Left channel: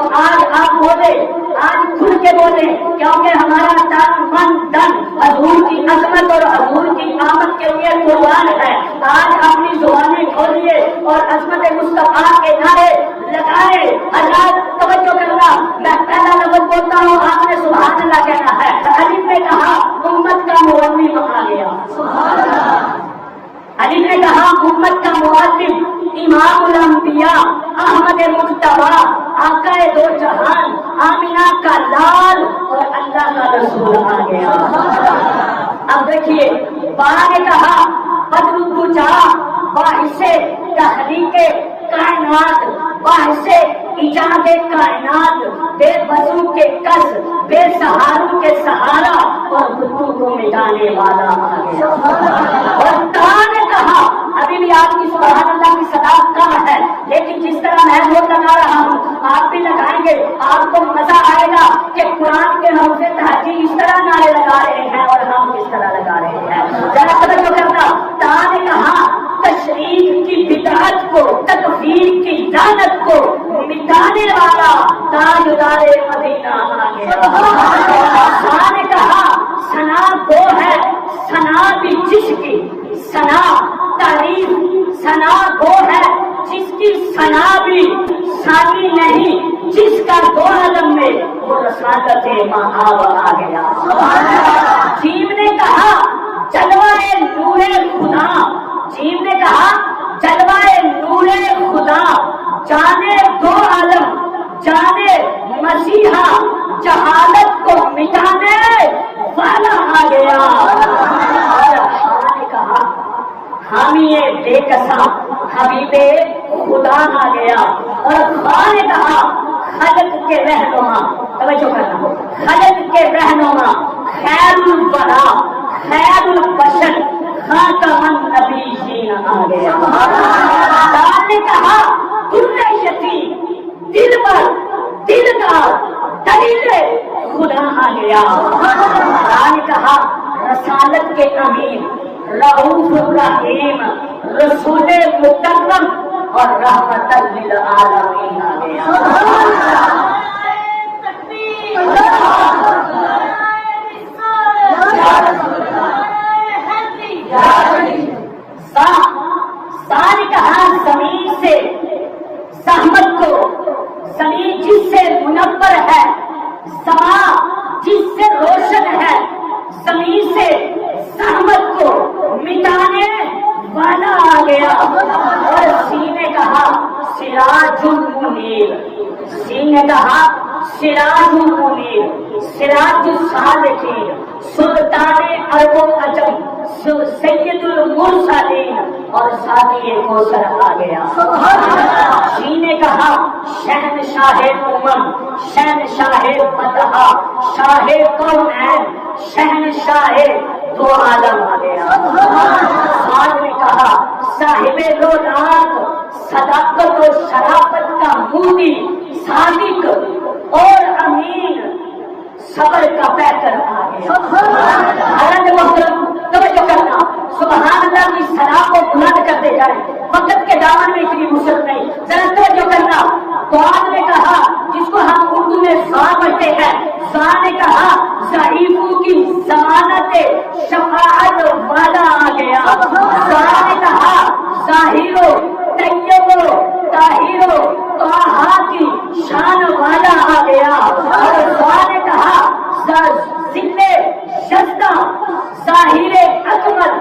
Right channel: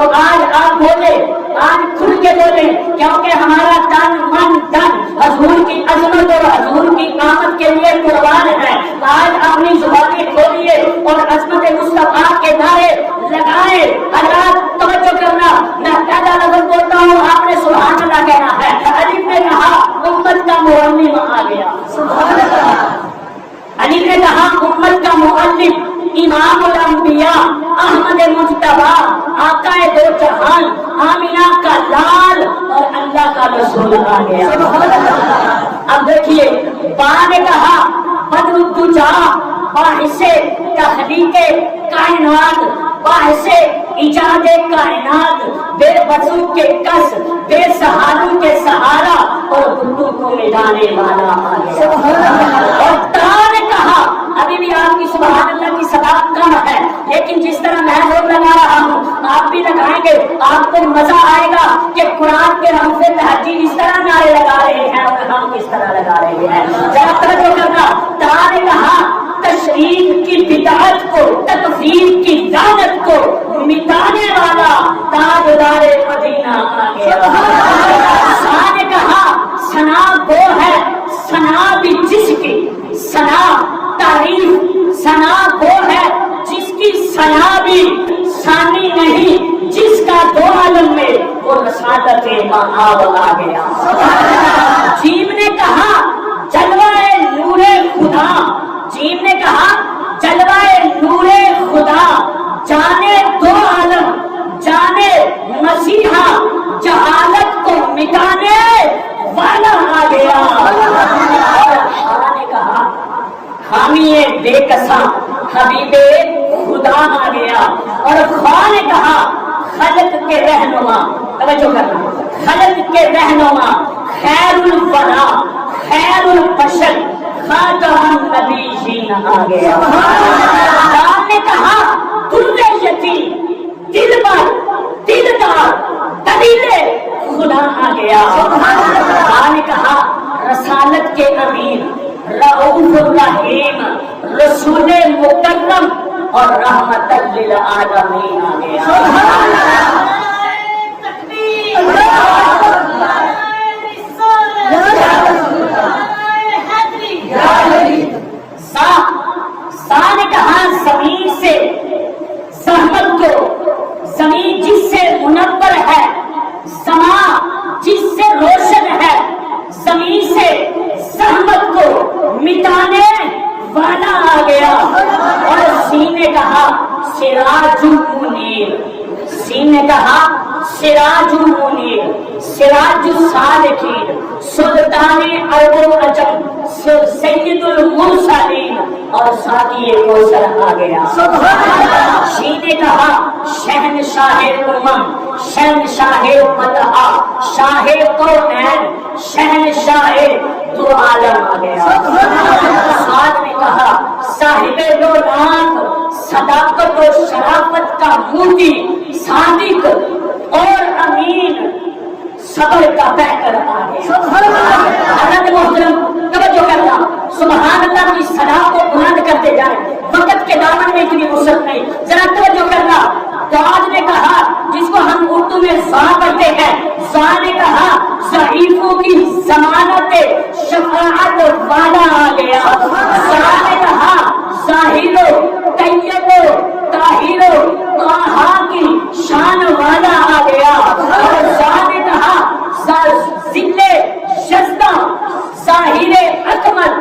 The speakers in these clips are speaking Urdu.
تو آج آپ بولے، آج کھل کے بولے، کیونکہ ہمارا تن من دن حضور کی عظمت اور حضور کی آمد کے لیے قربان ہے۔ آج اپنی زبانیں کھولیے اور عظمت مصطفیٰ کے نعرے لگائے۔ حضرات توجہ کرنا، میں پہلا لفظ بولتا ہوں، آپ نے سبحان اللہ کہنا ہے۔ علی نے کہا امت کا معلم آ گیا، علی نے کہا امت کا معلم، امام الانبیاء، احمد مجتبیٰ، آقا دو جہان، آمینہ کا لال اور اللہ کا رسول آ گیا۔ اب دیکھیے، با نے کہا بدر الدجا، باعث تخلیق کائنات، باعث ایجاد کائنات، بے وضو کے کس، بے سہاروں کے سہارا اور بتوں کو مٹانے والا آ گیا۔ اور تا نے کہا، ابھی بھی آپ کی سبحان اللہ کی صداقت کم ہے، لیکن جس طرح میں لوگ لگا رہا ہوں آپ بھی لگائیں گے، آپ کو مزہ آئے گا کہ قرآن کے ہم سے تہجید اس طرح نعرے لگا رہے ہیں اور ہم کس طرح لگا رہے ہیں۔ ذرا توجہ کرنا، تا نے کہا تشریف کی بدعت کو، تکفیر کی لعنت کو مٹانے والا تاجدار مدینہ آ گیا۔ سا نے کہا ثنا وہ ہے، ثنا بھی جس کی، ثنا تعریف، ثنا وہ ہے جس کی ثنا بھی ثانی نہیں، جس کا دو عالم میں وہ رسالت مآب آ گیا۔ جیم نے کہا جلوہ نور خدا، جیم نے کہا جلوہ نور خدا، جانے دو عالم، جانے مسیحا، جہالت کو مٹانے والا آ گیا۔ اور نے کہا حامی بے کساں حبیب خدا آ گیا۔ اور خواہ نے کہا خلق کے رہنما، توجہ کرنا، خلق کے رہنما، خیر الورا، خیر البشر، خاتم النبیین آ گیا۔ خدا نے کہا در یتیم، دل پر دلدار، دلیل خدا آ گیا۔ خدا نے کہا رسالت کے امین، رؤوف الرحیم، رسول مکرم اور رحمت للعالمین آ گیا۔ سا نے کہا زمین سے زحمت کو، زمین جس سے منور ہے، سما جس سے روشن ہے، زمین سے زحمت کو مٹانے والا آ گیا۔ اور سی نے کہا سراج المنیر، سی نے کہا سراج المنیر، سراج الصالحین، سلطان عرب و عجم، سید المرسلین اور ساقی کوثر آ گیا۔ سی نے کہا شہنشاہ امم، شہنشاہ فتح، شاہ کونین، شہنشاہ دو عالم آ گیا۔ سعد نے کہا صاحب رونق، صداقت و شرافت کا موتی، صادق اور امین، صبر کا بہتر آ گیا۔ حضرت محترم توجہ کرنا، سبحان اللہ کی صدا کو بلند کرتے جائیں، وقت کے دامن میں اتنی وسعت نہیں، ذرا توجہ کرنا۔ بعد نے کہا جس کو ہم اردو میں زا پڑھتے ہیں، زا نے کہا ضعیفوں کی ضمانت شفاعت والا آ گیا۔ زا نے کہا ظاہرو طیبو طاہرو طٰہٰ کی شان والا آ گیا۔ اور زا نے کہا ذل شزدہ، ظاہر اکمل،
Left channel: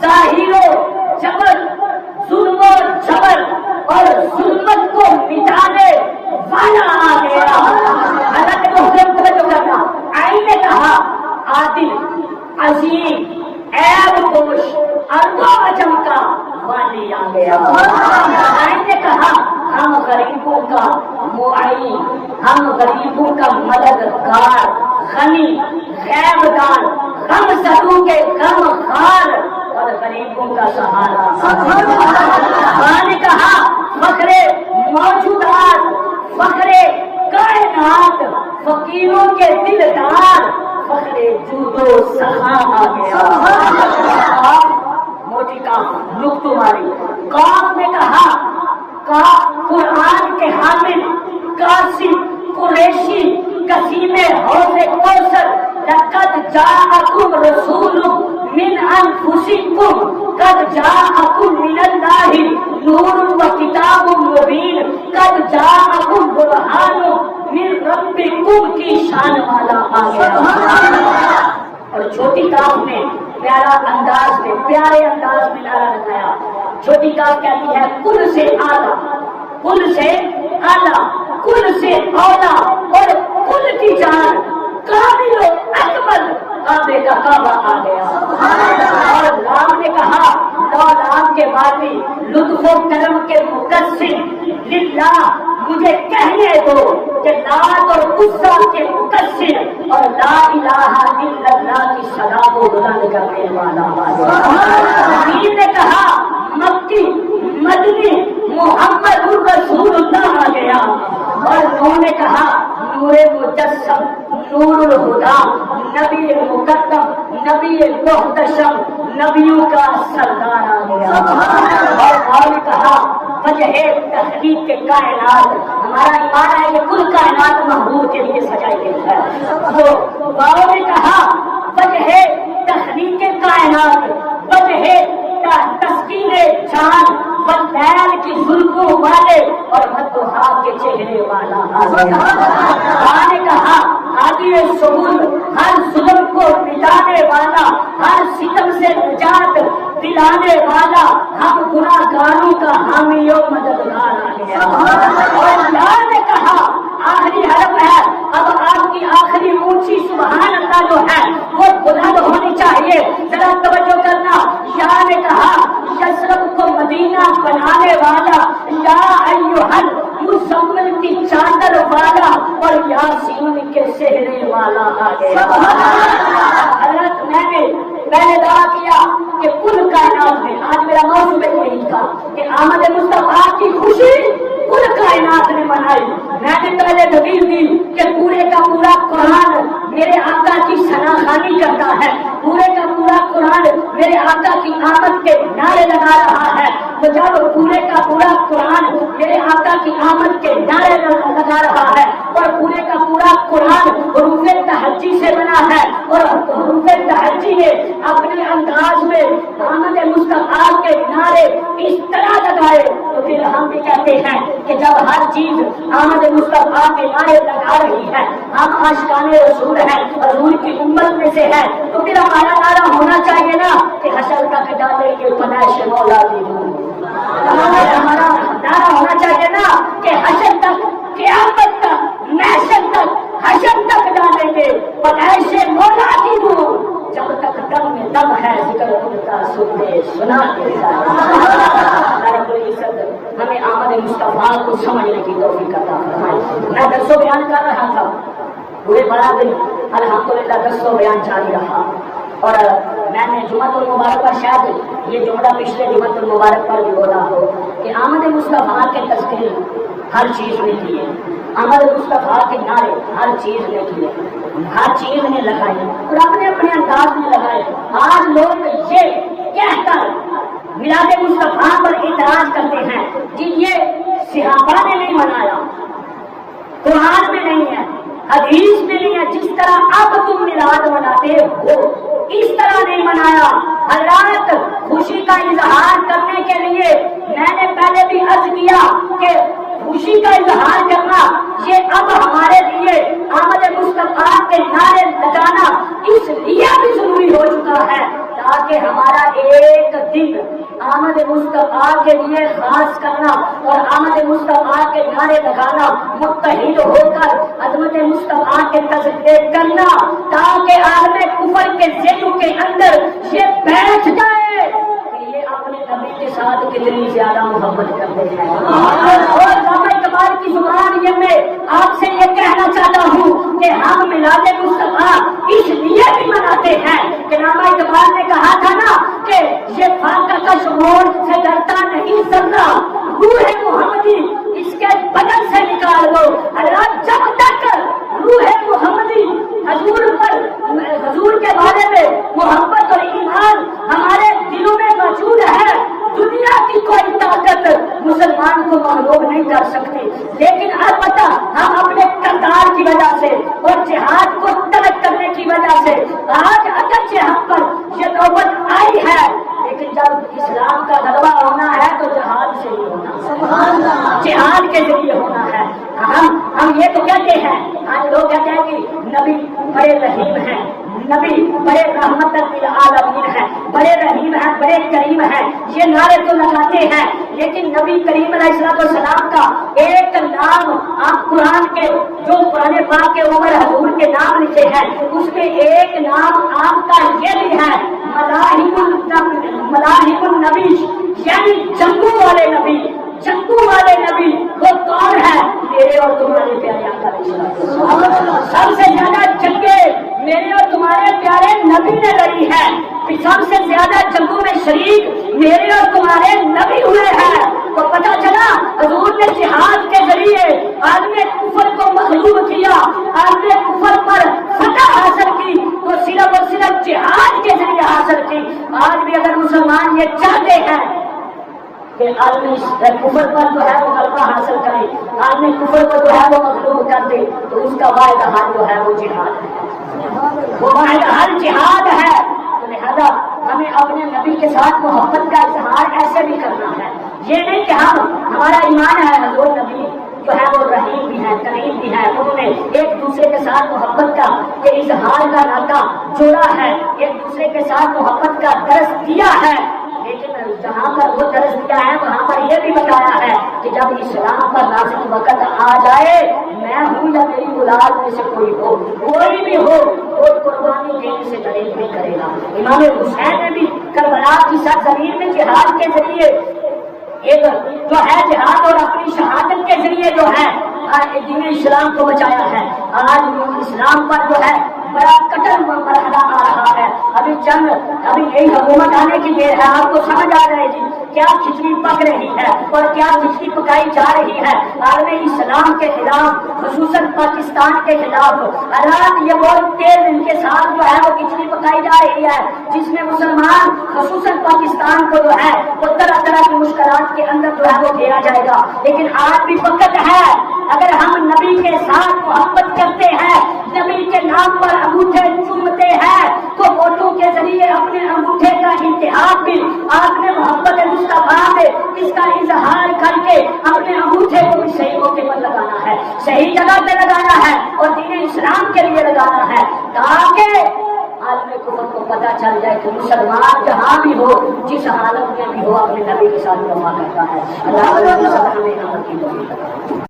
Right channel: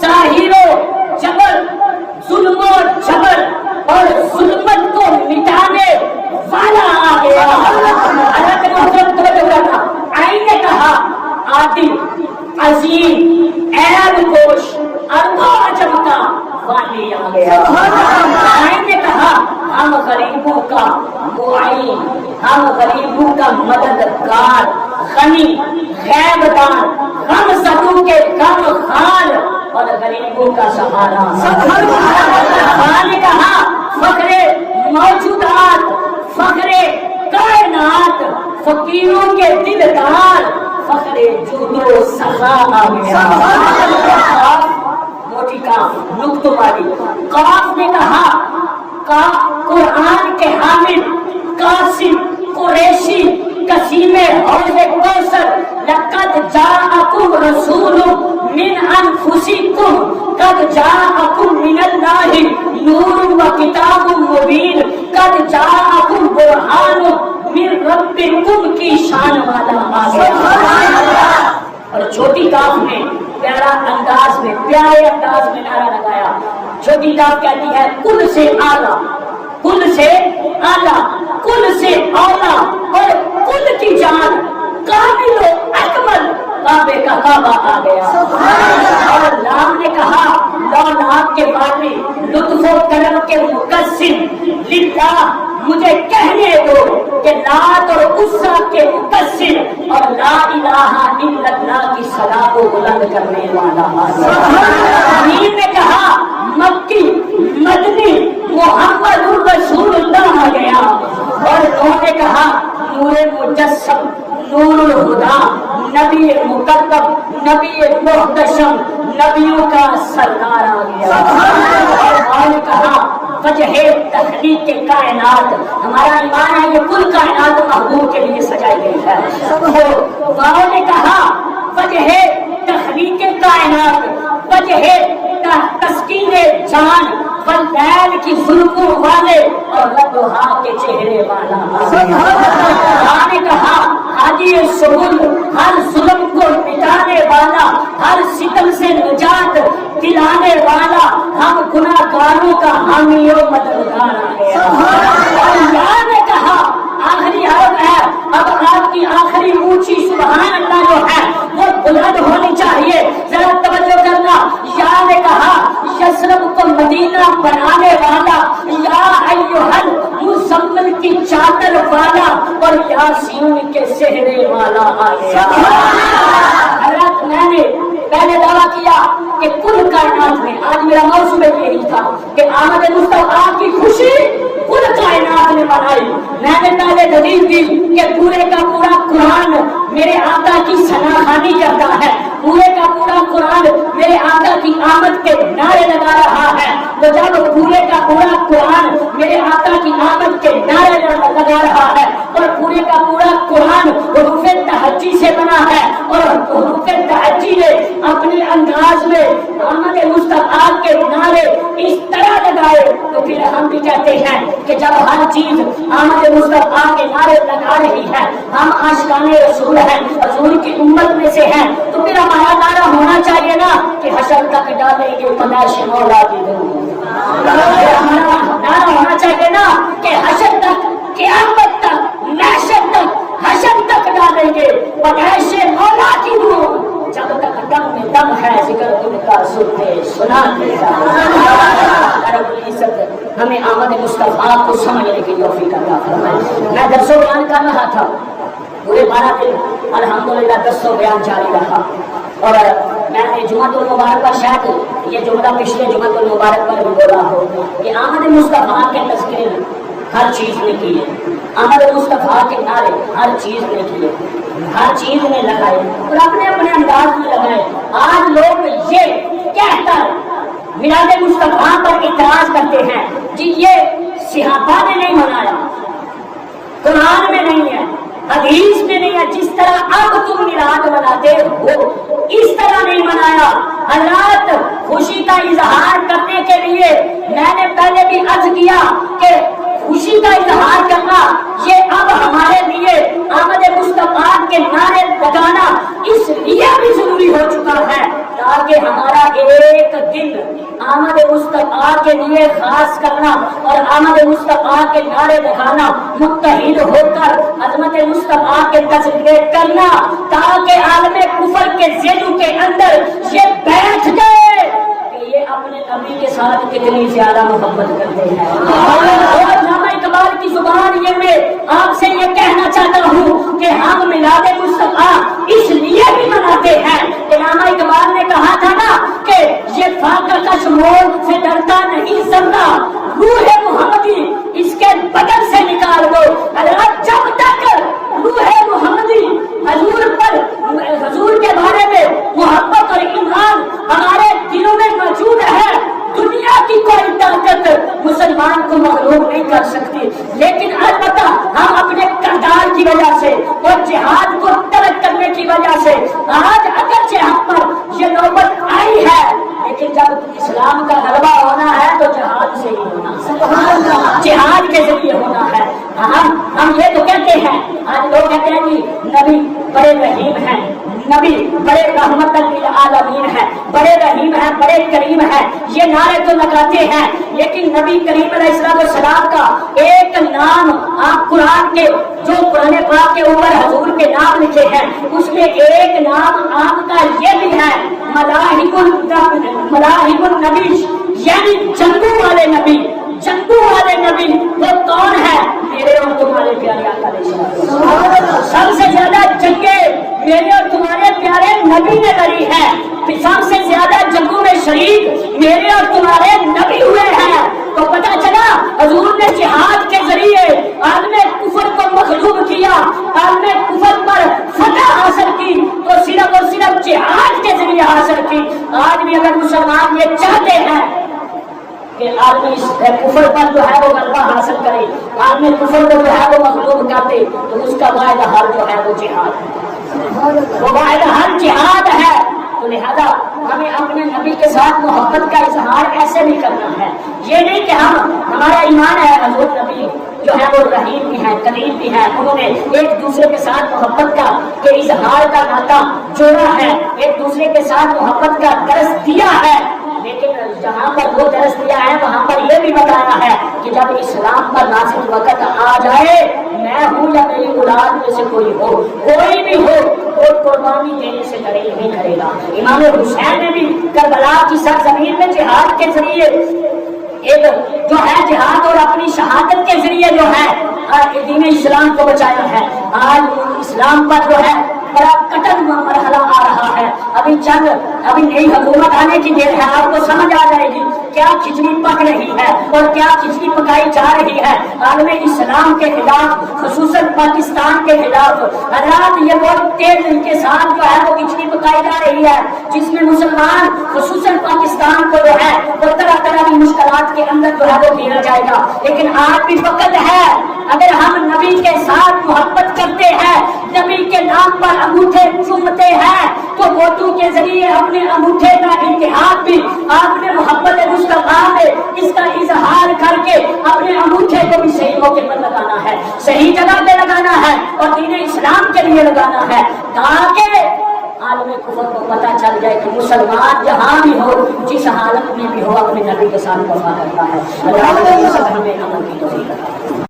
ظاہر و جبر، ظلم و جبر اور ظلمت کو مٹانے والا آ گیا۔ حضرت محترم توجہ کرنا، آئین نے کہا عادل، عظیم، عیب پوش، عرب و عجم کا والی آ گیا۔ آئین نے کہا ہم غریبوں کا معین، ہم غریبوں کا مددگار، غنی، غیب دان، غم زدوں کے غم خار اور غریبوں کا سہارا۔ خدا نے کہا فخر موجودات، فخر کائنات، فقیروں کے دلدار، فخر جود و سخا آ گیا۔ موٹی کام نقطہ ماری، قاف نے کہا قرآن کے حامل، قاسم، قریشی قسیم حوض کوثر لقد جاءکم رسول من انفسکم قد جاءکم من اللہ نور و کتاب مبین قد جاءکم برہان من ربکم کی شان والا آ گیا۔ اور چھوٹی کاف میں پیارا انداز میں پیارے انداز میں نعرہ لگایا۔ چھوٹی کاف کہتی ہے کل سے اعلیٰ، کل سے اعلیٰ، کل سے اولا اور کل کی جان کامل و اکمل کعبے کا کعبہ آ گیا۔ اور اللہ نے کہا لو لام کے مالی لطف و کرم کے مقصد للہ، مجھے کہنے دو کہ لات اور عزا کے مقصد اور لا الہ الا اللہ کی صدا کو بلند کرنے والا امیر نے کہا مکی مدنی محمد رسول اللہ آ گیا۔ اور انہوں نے کہا نور مجسم، نور الہدا، نبی مقدم، نبی محتشم، نبیوں کا سردار آ گیا۔ اور انہوں نے کہا وجہ تخلیق کے کائنات، ہمارا ایمان ہے یہ کل کائنات محبوب کے لیے سجائی گئی ہے۔ تو واؤ نے کہا وجہ تخلیق کے کائنات، وجہ تسکین جان، واللیل کی ظلموں والے اور والضحیٰ کے چہرے والا۔ نے کہا ہادی سبل، ہر ظلم کو مٹانے والا، ہر ستم سے نجات دلانے والا، ہم گناہگاروں کا حامی و مددگار آ گیا۔ اور یاد نے کہا آخری حرف ہے، اب آپ کی آخری اونچی سبحان اللہ جو ہے وہ بلند ہونی چاہیے، ذرا توجہ کرنا۔ یا نے کہا یثرب کو مدینہ بنانے والا، یا ایہل مزمل کی چادر والا اور یاسین کے سہرے والا آ گیا۔ حضرت میں نے پہلے دعویٰ کیا کہ کل کائنات میں، آج میرا موضوع یہی تھا کہ آمد مصطفیٰ کی خوشی کل کائنات نے منائی۔ میں نے پہلے دلیل دی کہ پورے کا پورا قرآن میرے آقا کی ثناخوانی کرتا ہے، پورے کا پورا قرآن میرے آقا کی آمد کے نعرے لگا رہا ہے۔ تو جب پورے کا پورا قرآن میرے آقا کی آمد کے نعرے لگا رہا ہے اور پورے کا پورا قرآن حروف تہجی سے بنا ہے اور حروف تہجی نے اپنے انداز میں آمد مصطفیٰ کے نعرے اس طرح لگائے، تو پھر ہم بھی کہتے ہیں کہ جب ہر چیز آمد مصطفیٰ کے نعرے لگا رہی ہے، ہم عاشقان رسول ہیں، حضور کی امت میں سے ہیں، تو پھر ہمارا نعرہ ہونا چاہیے نا کہ حشر تک ڈالیں گے پیدائش مولا کی دنیا۔ ہمارا نعرہ ہونا چاہیے نا کہ حشر تک، قیامت تک، محشر تک، حشر تک ڈالیں گے پیدائش مولا کی دنیا۔ جب تک دم میں دم ہے ذکر خود کا سنتے سناتے رب العزت ہمیں آمد مصطفیٰ کو سمجھنے کی توفیق عطا فرمائے۔ میں درس و بیان کر رہا تھا پورے 12 دن الحمدللہ درس و بیان جاری رہا، اور میں نے جمعۃ المبارک پر شاید یہ جملہ پچھلے جمعۃ المبارک پر بھی بولا کہ آمد مصطفیٰ کے تذکرے ہر چیز نے کی ہے، آمد مصطفیٰ کے نعرے ہر چیز نے کیے، ہر چیز نے لگائے اور اپنے اپنے انداز میں لگائے۔ آج لوگ یہ کہہ کر میلاد مصطفیٰ پر اعتراض کرتے ہیں کہ یہ صحابہ نے نہیں منایا، قرآن میں نہیں ہے، حدیث میں نہیں ہے، جس طرح اب تم میلاد مناتے ہو اس طرح نہیں منایا۔ حضرات خوشی کا اظہار کرنے کے لیے میں نے پہلے بھی عرض کیا کہ خوشی کا اظہار کرنا یہ اب ہمارے لیے آمد مصطفیٰ کے نعرے لگانا اس لیے بھی ضروری ہو چکا ہے تاکہ ہمارا ایک دن آمد مصطفیٰ کے لیے خاص کرنا اور آمد مصطفیٰ کے نعرے لگانا، متحد ہو کر عظمت مصطفیٰ کے تذکرے کرنا، تاکہ عالم کفر کے ذہنوں کے اندر یہ بیٹھ جائے کہ یہ اپنے نبی کے ساتھ کتنی زیادہ محبت کرتے ہیں۔ اور علامہ اقبال کی زبان یہ میں آپ سے یہ کہنا چاہتا ہوں کہ ہم میلاد مصطفیٰ اس لیے بھی مناتے ہیں کہ علامہ اقبال نے کہا تھا نا کہ یہ فاقہ کش موت سے ڈرتا نہیں سننا، روح محمدی اس کے بدن سے نکال دو۔ حضرات جب تک روح محمدی حضور پر، حضور کے بارے میں محبت اور ایمان ہمارے دلوں میں موجود ہے، دنیا کی کوئی طاقت مسلمان کو مغلوب نہیں کر سکتی، لیکن البتہ ہم اپنے کردار وجہ سے اور جہاد کو ترک کرنے کی وجہ سے آج اگرچہ ہم پر یہ نوبت آئی ہے، لیکن جب اسلام کا غلبہ ہونا ہے تو جہاد سے ہی ہونا ہے، جہاد کے ذریعے ہونا ہے۔ ہم یہ تو کہتے ہیں، آج لوگ کہتے ہیں کہ نبی بڑے رحیم ہیں، نبی بڑے رحمت للعالمین ہے، بڑے رحیم ہے، بڑے کریم ہے، یہ نعرے تو لگاتے ہیں، لیکن نبی کریم علیہ السلام کا ایک نام آپ قرآن کے جو قرآن پاک کے اوپر حضور کے نام لکھے ہیں اس میں ایک نام آپ کا یہ بھی ہے، ملاحم النبی، یعنی جنگوں والے نبی۔ جنگوں والے نبی وہ کون ہے؟ میرے اور تمہارے پیارے آقا علیہ السلام۔ سب سے زیادہ جنگیں میرے اور تمہارے پیارے نبی نے لڑی ہے، سب سے زیادہ جنگوں میں شریک میرے اور تمہارے نبی ہوئے ہیں۔ تو پتہ چلا حضور نے جہاد کے ذریعے عالم کفر کو مغلوب کیا، عالم کفر پر فتح حاصل کی تو صرف اور صرف جہاد کے ذریعے حاصل کی۔ آج بھی اگر مسلمان یہ چاہتے ہیں کہ آدمی کفر پر جو ہے وہ غلبہ حاصل کرے، آدمی کفر کو جو ہے وہ مغلوب کر دے، تو اس کا واحد حل جو ہے وہ جہاد ہے، وہ واحد حل جہاد ہے۔ تو لہذا ہمیں اپنے نبی کے ساتھ محبت کا اظہار ایسے نہیں کرنا ہے، یہ نہیں کہ ہمارا ایمان ہے حضور نبی جو ہے وہ رحیم بھی ہے، کریم بھی ہے، انہوں نے ایک دوسرے کے ساتھ محبت کا کہ اظہار کا ناطہ جوڑا ہے، ایک دوسرے کے ساتھ محبت کا درس دیا ہے، لیکن جہاں پر وہ درس دیا ہے وہاں پر یہ بھی بتایا ہے کہ جب اسلام پر نازل وقت آ جائے، میں ہوں یا میری اولاد میں سے کوئی ہو، کوئی بھی ہو، وہ قربانی دینے سے گریز نہیں کرے گا۔ امام حسین نے بھی کربلا کی سرزمین میں جہاد کے ذریعے ایک جو ہے جہاد اور اپنی شہادت کے ذریعے جو ہے دین اسلام کو بچایا ہے۔ آج اسلام پر جو ہے بڑا کٹن مرحلہ آ رہا ہے، ابھی نئی حکومت آنے کی دیر ہے، آپ کو سمجھ آ جائے گی کیا کھچڑی پک رہی ہے اور کیا کھچڑی پکائی جا رہی ہے عالم اسلام کے خلاف، خصوصاً پاکستان کے خلاف۔ حضرات یہ بہت تیز کے ساتھ جو ہے وہ کھچڑی پکائی جا رہی ہے، جس میں مسلمان خصوصاً پاکستان کو جو ہے وہ طرح طرح کی مشکلات کے اندر جو ہے وہ گھیرا جائے گا۔ لیکن آج بھی وقت ہے، اگر ہم نبی کے ساتھ محبت کرتے ہیں، نبی کے نام پر انگوٹھے چومتے ہیں، تو ووٹوں کے ذریعے اپنے انگوٹھے کا انتخاب بھی آپ نے محبت مصطفیٰ میں اس کا اظہار کر کے اپنے انگوٹھے کو بھی صحیح موقع پر لگانا ہے، صحیح جگہ پہ لگانا ہے اور دین اسلام کے لیے لگانا ہے، تاکہ عالم کفر کو پتہ چل جائے کہ مسلمان جہاں بھی ہو، جس حالت میں بھی ہو، اپنے نبی کے ساتھ وفا کرتا ہے۔ اللہ ہمیں عمل کی توفیق عطا فرمائے۔